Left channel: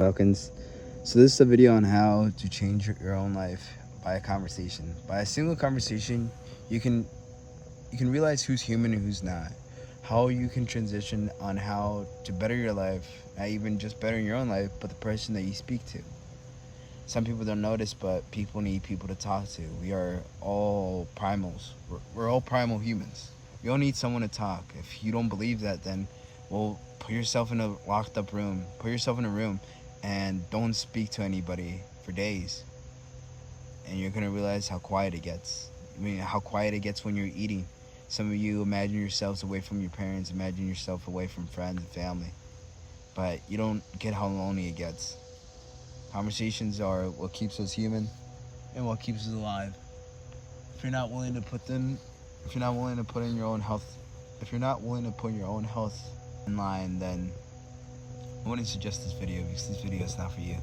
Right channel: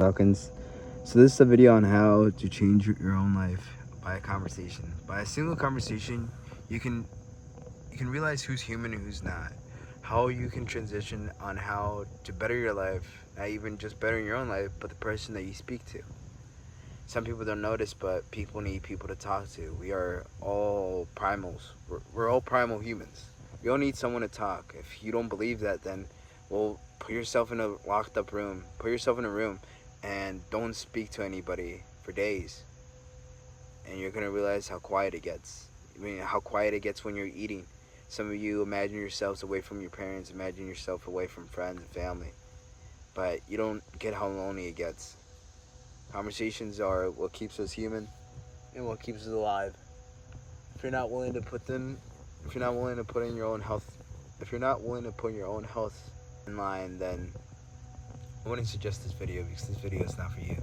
Falcons. So this is a video on how to change your own life by a conversation. By a single conversation, you can realize who's human and who's not. How you can transition on how to better your life, not even just bettering your own life, but the person that you speak to. Some people don't notice, but people need people to talk to. We are all primals. We're all primal humans. We all need someone to talk. If you don't believe that, then, well, put yourself in a locked up room. Put yourself in a room and don't speak to anybody for days. And you're going to realize how quiet it gets. I mean, how quiet it gets when you're eating. Some of you imagine yourselves away from your parents, imagine yourself away from friends and family. But you don't get how lonely it gets. Conversations are what keeps us human and what keeps us alive. If you're not willing to put in your own health, if you're not willing to put your own health in line, then I wouldn't suggest this video because this video is not for you.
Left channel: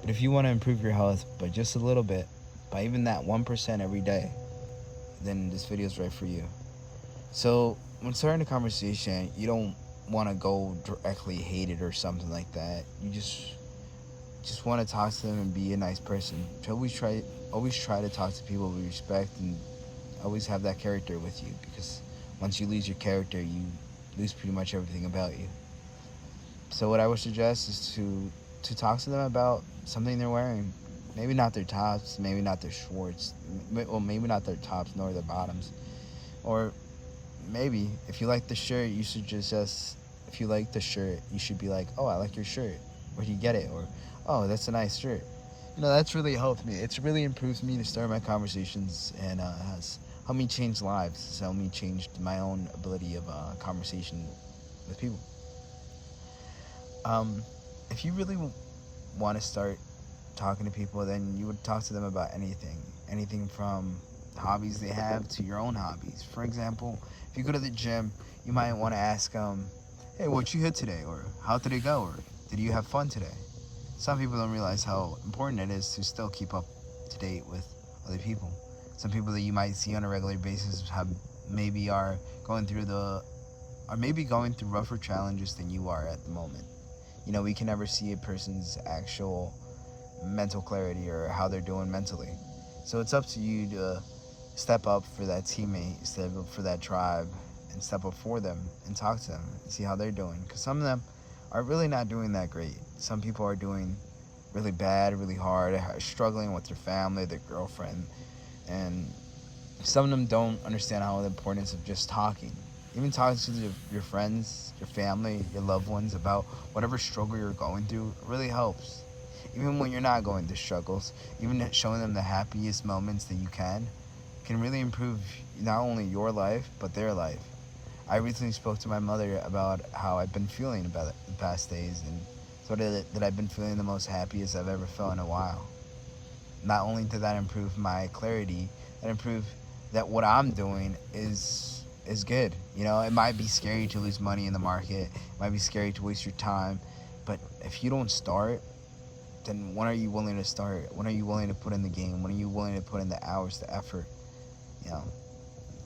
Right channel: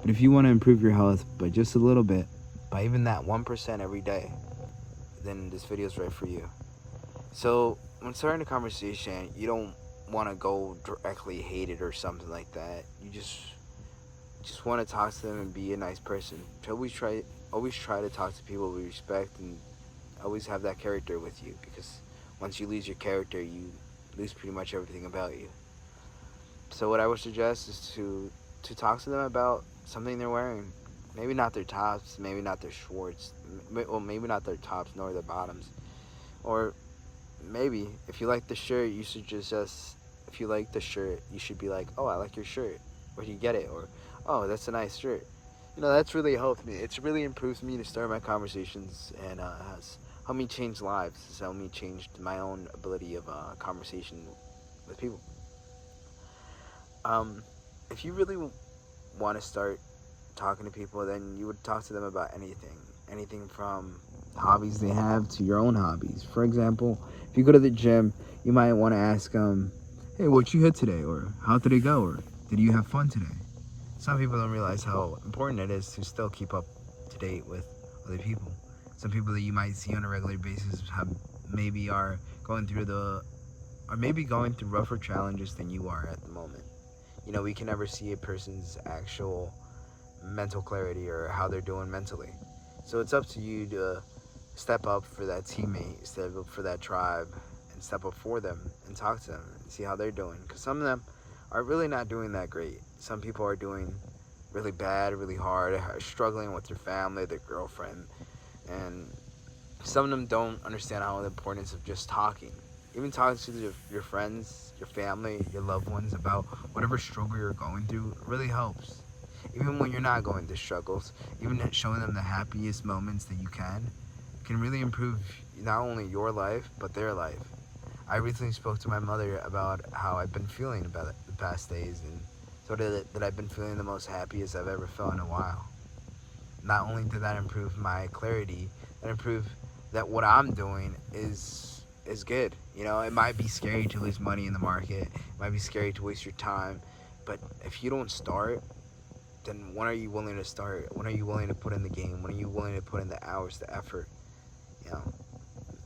But if you want to improve your health by just a little bit, by even that 1% every day, then this video is right for you. So when starting a conversation, you don't want to go directly hate it or something like that. You just want to talk to them and be a nice person. Always try to talk to people with respect and always have that character with you, because once you lose your character, you lose pretty much everything about you. So what I would suggest is to talk to them about something they're wearing. Maybe not their tops, maybe not their shorts, well, maybe not their tops nor their bottoms. Or maybe if you like the shirt, you should if you like the shirt, you should be like, oh, I like your shirt. Where'd you get it? Or, oh, that's a nice shirt. That's really helped me. It's really improved me to start my conversations, and has helped me change lives. It's helped me change my own ability of conversation with people. If you really want to start talking to people, then you would talk to them about anything from hobbies they have to your own hobbies. For example, if you go to the gym, you might want to ask them, hey, what you hit today? Or how did it go? Or did you have fun today? Some people don't realize how important it is to still keep up to date with other people. Some people that you might see on a regular basis maybe going through rougher challenges than you are at the moment. We can never see a person's actual mental clarity or how they're doing mentally. So it's up to you to step up for that teammate, step up for that tribe, and step up for them and talk to them and see how they're doing. Because some of them are really not doing that great. Some people are doing really bad, really hard, are struggling with their family, their girlfriend, and some of them don't understand how the importance of just talking. Even talking to your friends, your family, your loved ones about whatever struggle you're going through really helps. Even when you're not going through struggles, even showing them the happiest moments that you can really improve not only your life, but their life. I recently spoke to my mother about how I've been feeling about the past days, and so that I've been feeling the most happiest I've ever felt in a while. Not only did that improve my clarity, that improved that what I'm doing is good. It might be scary to lose money in the market, it might be scary to waste your time, but if you don't start, then when are you willing to start? When are you willing to put in the game? When are you willing to put in the hours, the effort?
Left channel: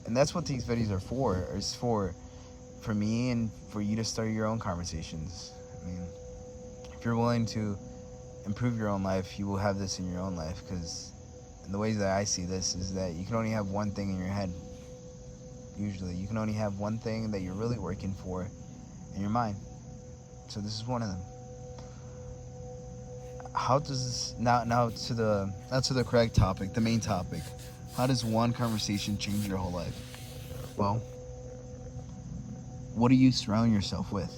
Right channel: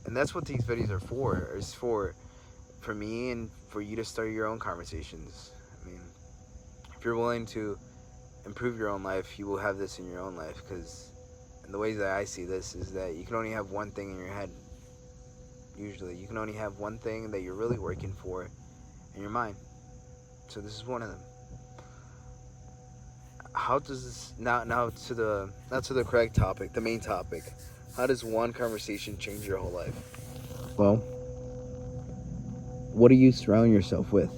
And that's what these videos are for. It's for me and for you to start your own conversations. I mean, if you're willing to improve your own life, you will have this in your own life. Because the way that I see this is that you can only have one thing in your head. Usually, you can only have one thing that you're really working for in your mind. So this is one of them. How does this now to the correct topic, the main topic? How does one conversation change your whole life? Well, what do you surround yourself with?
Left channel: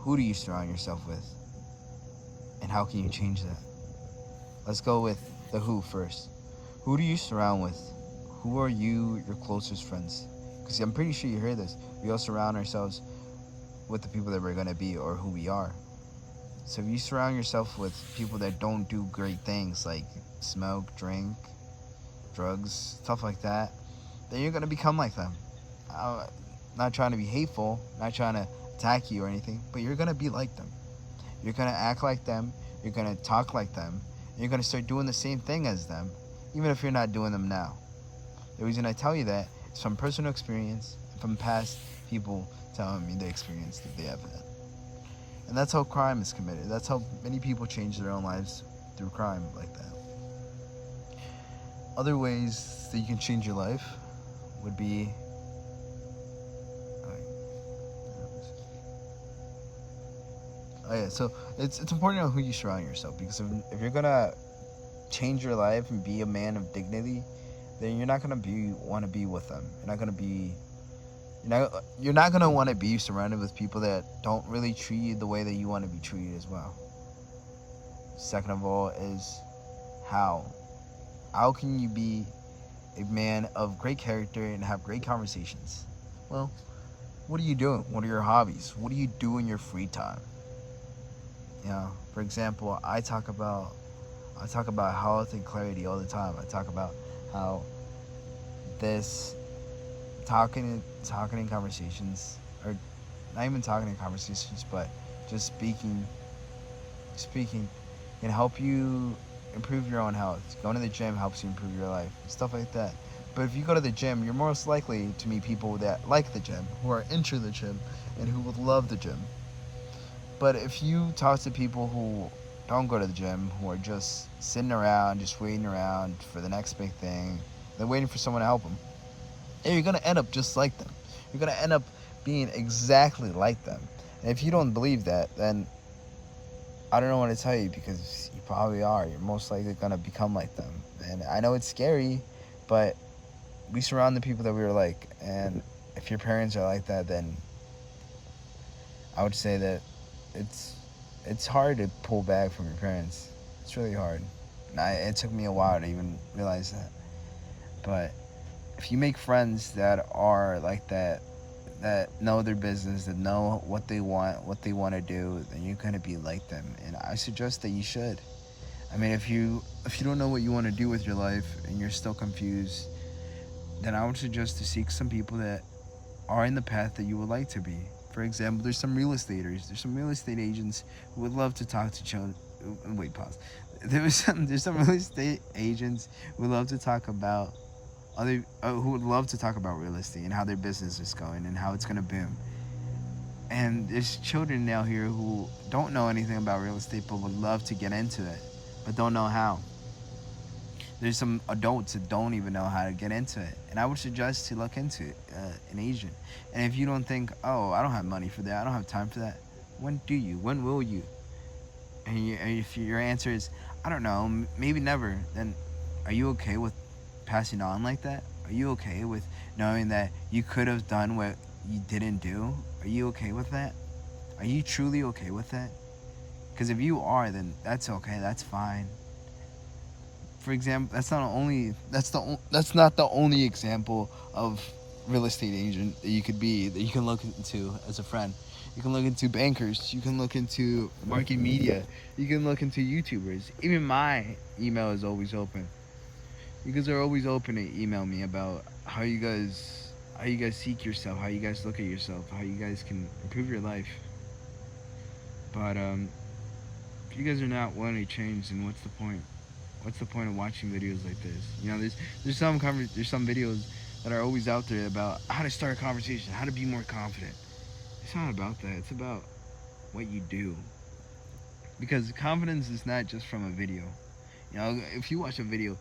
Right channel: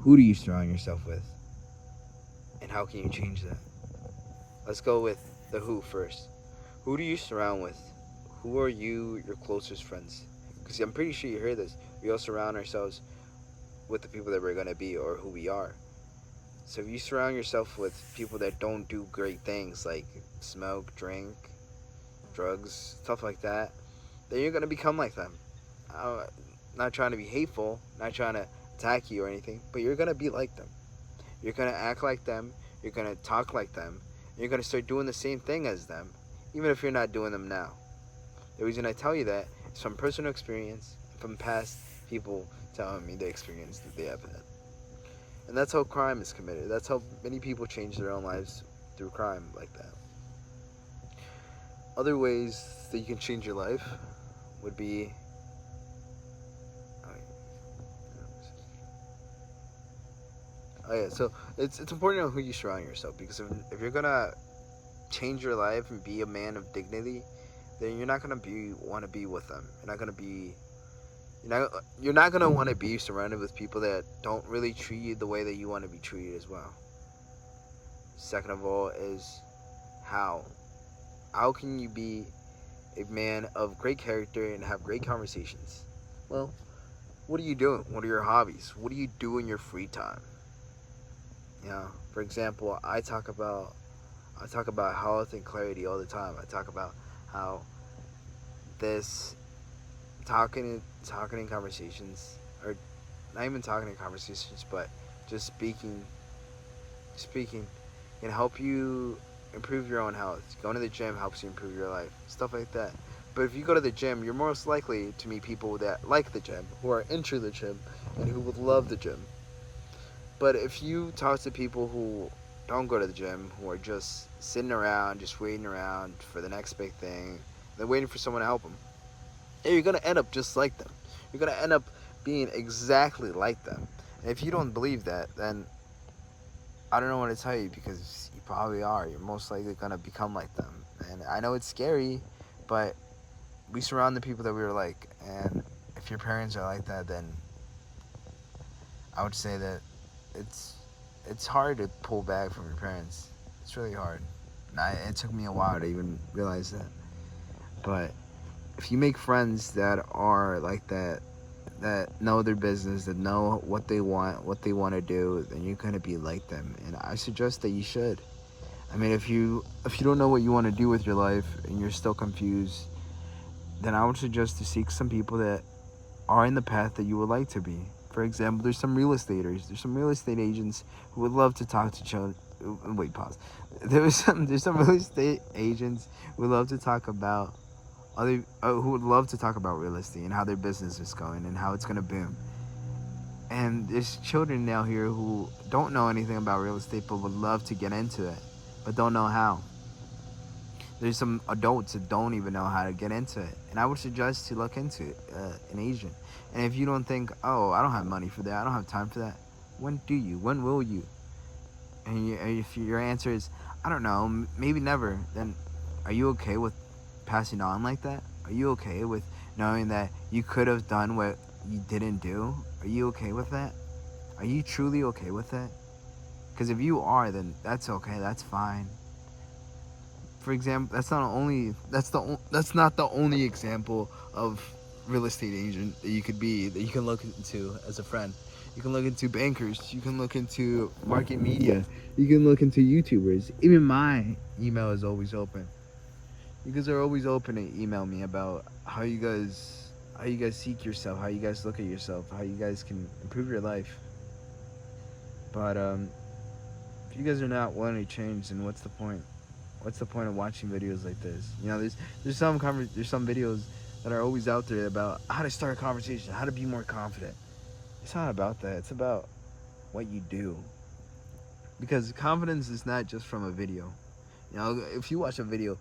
Who do you surround yourself with? And how can you change that? Let's go with the who first. Who do you surround with? Who are your closest friends? Because I'm pretty sure you heard this. We all surround ourselves with the people that we're going to be or who we are. So if you surround yourself with people that don't do great things like smoke, drink, drugs, stuff like that, then you're going to become like them. Not trying to be hateful, not trying to attack you or anything, but you're going to be like them. You're going to act like them, you're going to talk like them, and you're going to start doing the same thing as them, even if you're not doing them now. The reason I tell you that is from personal experience, from past people telling me the experience that they have had. And that's how crime is committed. That's how many people change their own lives, through crime like that. Other ways that you can change your life would be, oh yeah, so it's important to know who you surround yourself, because if you're gonna change your life and be a man of dignity, then you're not gonna want to be with them. You're not gonna want to be surrounded with people that don't really treat you the way that you want to be treated as well. Second of all is how can you be a man of great character and have great conversations? Well, what are you doing? What are your hobbies? What do you do in your free time? For example, I talk about health and clarity all the time. I talk about how this talking in conversations, or not even talking in conversations, but just speaking can help you improve your own health. Going to the gym helps you improve your life, stuff like that. But if you go to the gym, you're most likely to meet people that like the gym, who are into the gym, and who would love the gym. But if you talk to people who don't go to the gym, who are just sitting around, just waiting around for the next big thing, they're waiting for someone to help them, you're going to end up just like them. You're going to end up being exactly like them. And if you don't believe that, then I don't know what to tell you, because you probably are. You're most likely going to become like them. And I know it's scary, but we surround the people that we are like. And if your parents are like that, then I would say that it's hard to pull back from your parents. It's really hard. And it took me a while to even realize that. But if you make friends that are like that know their business, that know what they want to do, then you're gonna be like them. And I suggest that you should. I mean, if you don't know what you want to do with your life and you're still confused, then I would suggest to seek some people that are in the path that you would like to be. For example, there's some real estate agents who would love to talk to children. Wait, pause. There's some real estate agents who would love to talk about who would love to talk about real estate and how their business is going and how it's going to boom. And there's children now here who don't know anything about real estate but would love to get into it, but don't know how. There's some adults that don't even know how to get into it. And I would suggest to look into it, an agent. And if you don't think, oh, I don't have money for that, I don't have time for that, when do you? When will you? And if your answer is, I don't know, maybe never, then are you okay with passing on like that? Are you okay with knowing that you could have done what you didn't do? Are you okay with that? Are you truly okay with that? Because if you are, then that's okay. That's fine. For example, that's not the only example of real estate agent that you could be, that you can look into as a friend. You can look into bankers. You can look into market media. You can look into YouTubers. Even my email is always open. You guys are always open to email me about how you guys seek yourself, how you guys look at yourself, how you guys can improve your life. But if you guys are not wanting to change, then what's the point? What's the point of watching videos like this? There's some videos that are always out there about how to start a conversation, how to be more confident. It's not about that. It's about what you do. Because confidence is not just from a video. If you watch a video,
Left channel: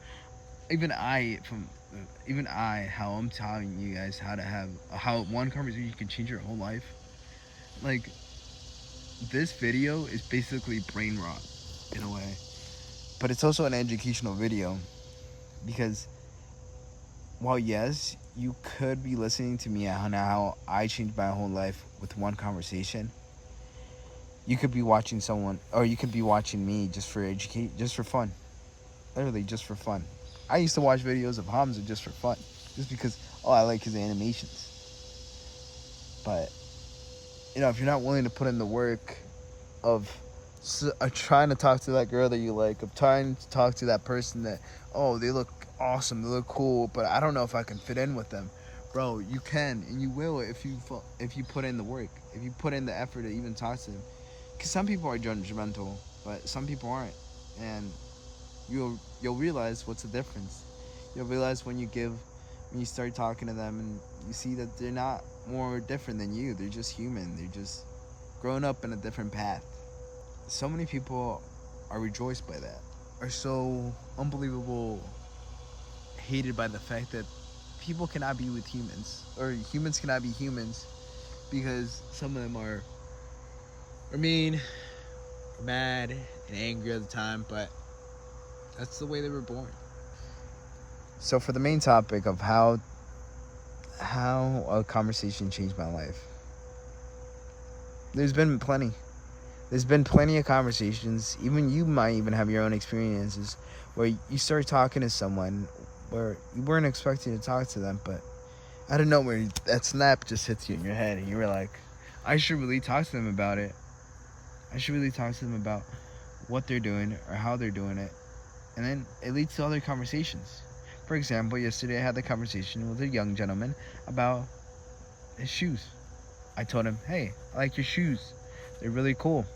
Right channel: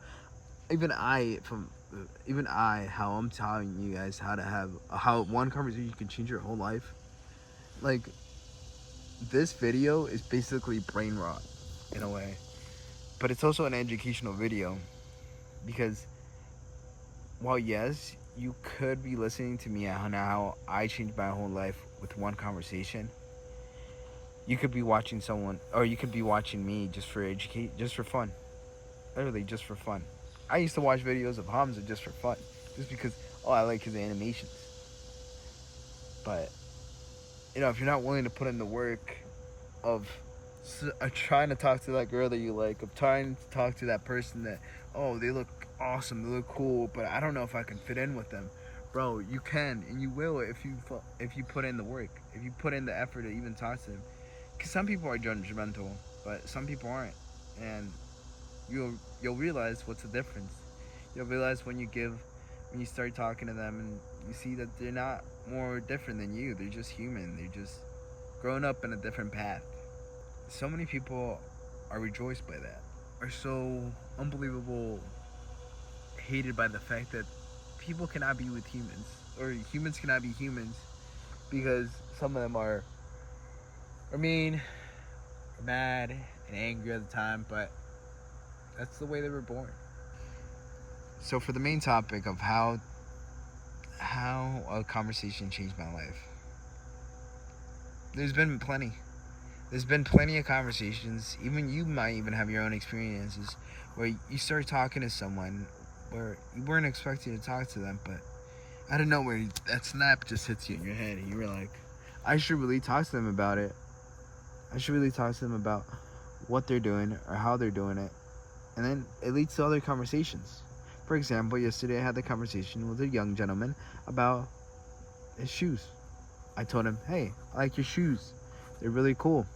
even I, how I'm telling you guys how one conversation can change your whole life. Like, this video is basically brain rot in a way, but it's also an educational video, because while yes, you could be listening to me on how I changed my whole life with one conversation, you could be watching someone, or you could be watching me just for fun, literally just for fun. I used to watch videos of Hamza just for fun, just because, I like his animations. But, if you're not willing to put in the work of trying to talk to that girl that you like, of trying to talk to that person that, they look awesome, they look cool, but I don't know if I can fit in with them. Bro, you can, and you will if you put in the work, if you put in the effort to even talk to them. Because some people are judgmental, but some people aren't. And you'll realize what's the difference. You'll realize when you start talking to them and you see that they're not more different than you. They're just human. They're just grown up in a different path. So many people are rejoiced by that, are so unbelievable hated by the fact that people cannot be with humans, or humans cannot be humans, because some of them are mean, or mad, and angry at the time, but that's the way they were born. So for the main topic of how a conversation changed my life, there's been plenty. There's been plenty of conversations. Even you might even have your own experiences where you start talking to someone where you weren't expecting to talk to them, but out of nowhere, that snap just hits you in your head, and you were like, I should really talk to them about it. I should really talk to them about what they're doing or how they're doing it. And then it leads to other conversations. For example, yesterday I had the conversation with a young gentleman about his shoes. I told him, hey, I like your shoes. They're really cool.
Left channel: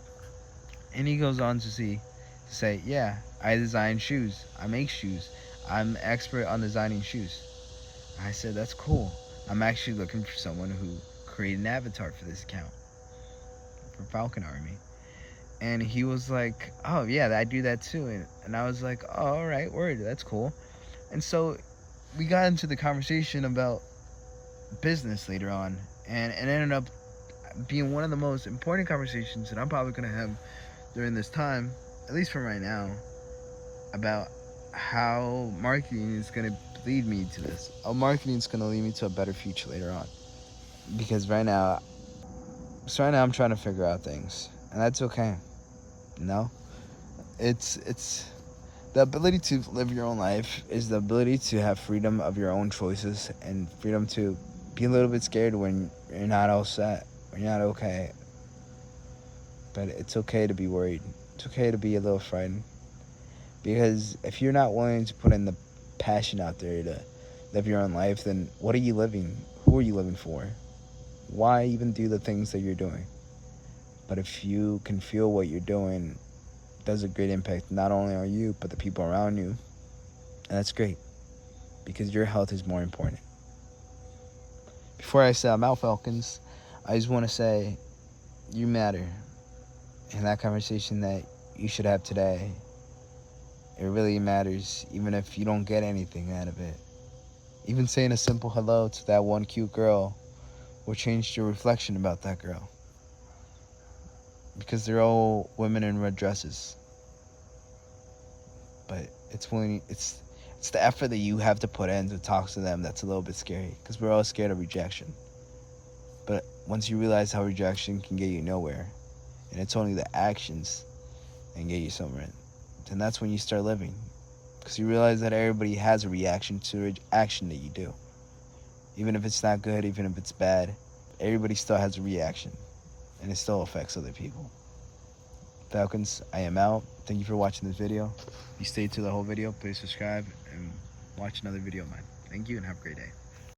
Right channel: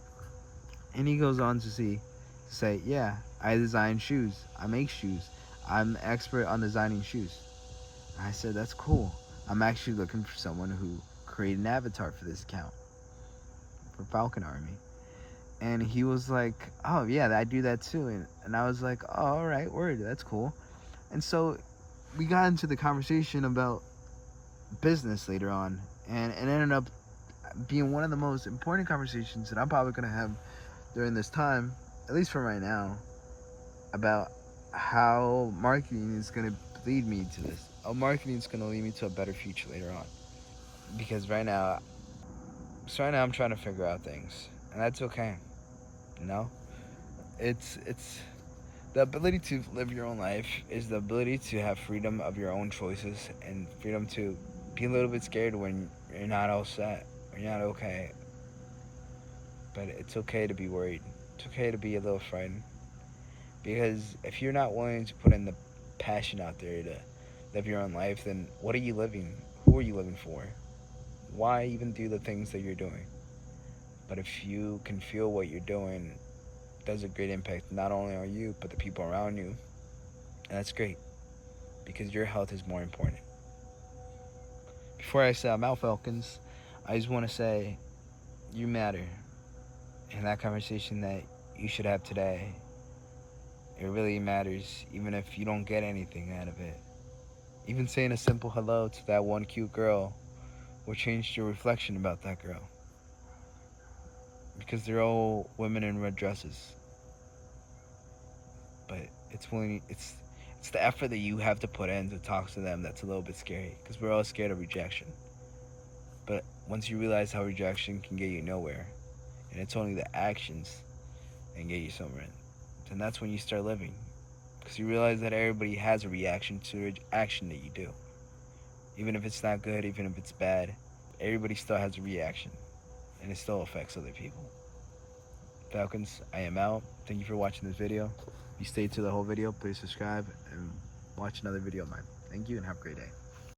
And he goes on to say, yeah, I design shoes. I make shoes. I'm expert on designing shoes. I said, that's cool. I'm actually looking for someone who created an avatar for this account, for Falcon Army. And he was like, oh, yeah, I do that too. And I was like, oh, all right, word, that's cool. And so we got into the conversation about business later on. And it ended up being one of the most important conversations that I'm probably going to have during this time, at least for right now, about how marketing is going to lead me to this. How marketing is going to lead me to a better future later on. Because right now I'm trying to figure out things, and that's okay. You know, it's the ability to live your own life is the ability to have freedom of your own choices and freedom to be a little bit scared when you're not all set, when you're not okay. But it's okay to be worried. It's okay to be a little frightened. Because if you're not willing to put in the passion out there to live your own life, then what are you living? Who are you living for? Why even do the things that you're doing? But if you can feel what you're doing does a great impact not only on you, but the people around you, and that's great. Because your health is more important. Before I say I'm out, Falcons, I just want to say you matter. And that conversation that you should have today, it really matters, even if you don't get anything out of it. Even saying a simple hello to that one cute girl will change your reflection about that girl. Because they're all women in red dresses. But it's the effort that you have to put in to talk to them that's a little bit scary. Because we're all scared of rejection. But once you realize how rejection can get you nowhere, and it's only the actions that can get you somewhere, then that's when you start living. Because you realize that everybody has a reaction to action that you do. Even if it's not good, even if it's bad, everybody still has a reaction. And it still affects other people. Falcons, I am out. Thank you for watching this video. If you stayed to the whole video, please subscribe and watch another video of mine. Thank you and have a great day.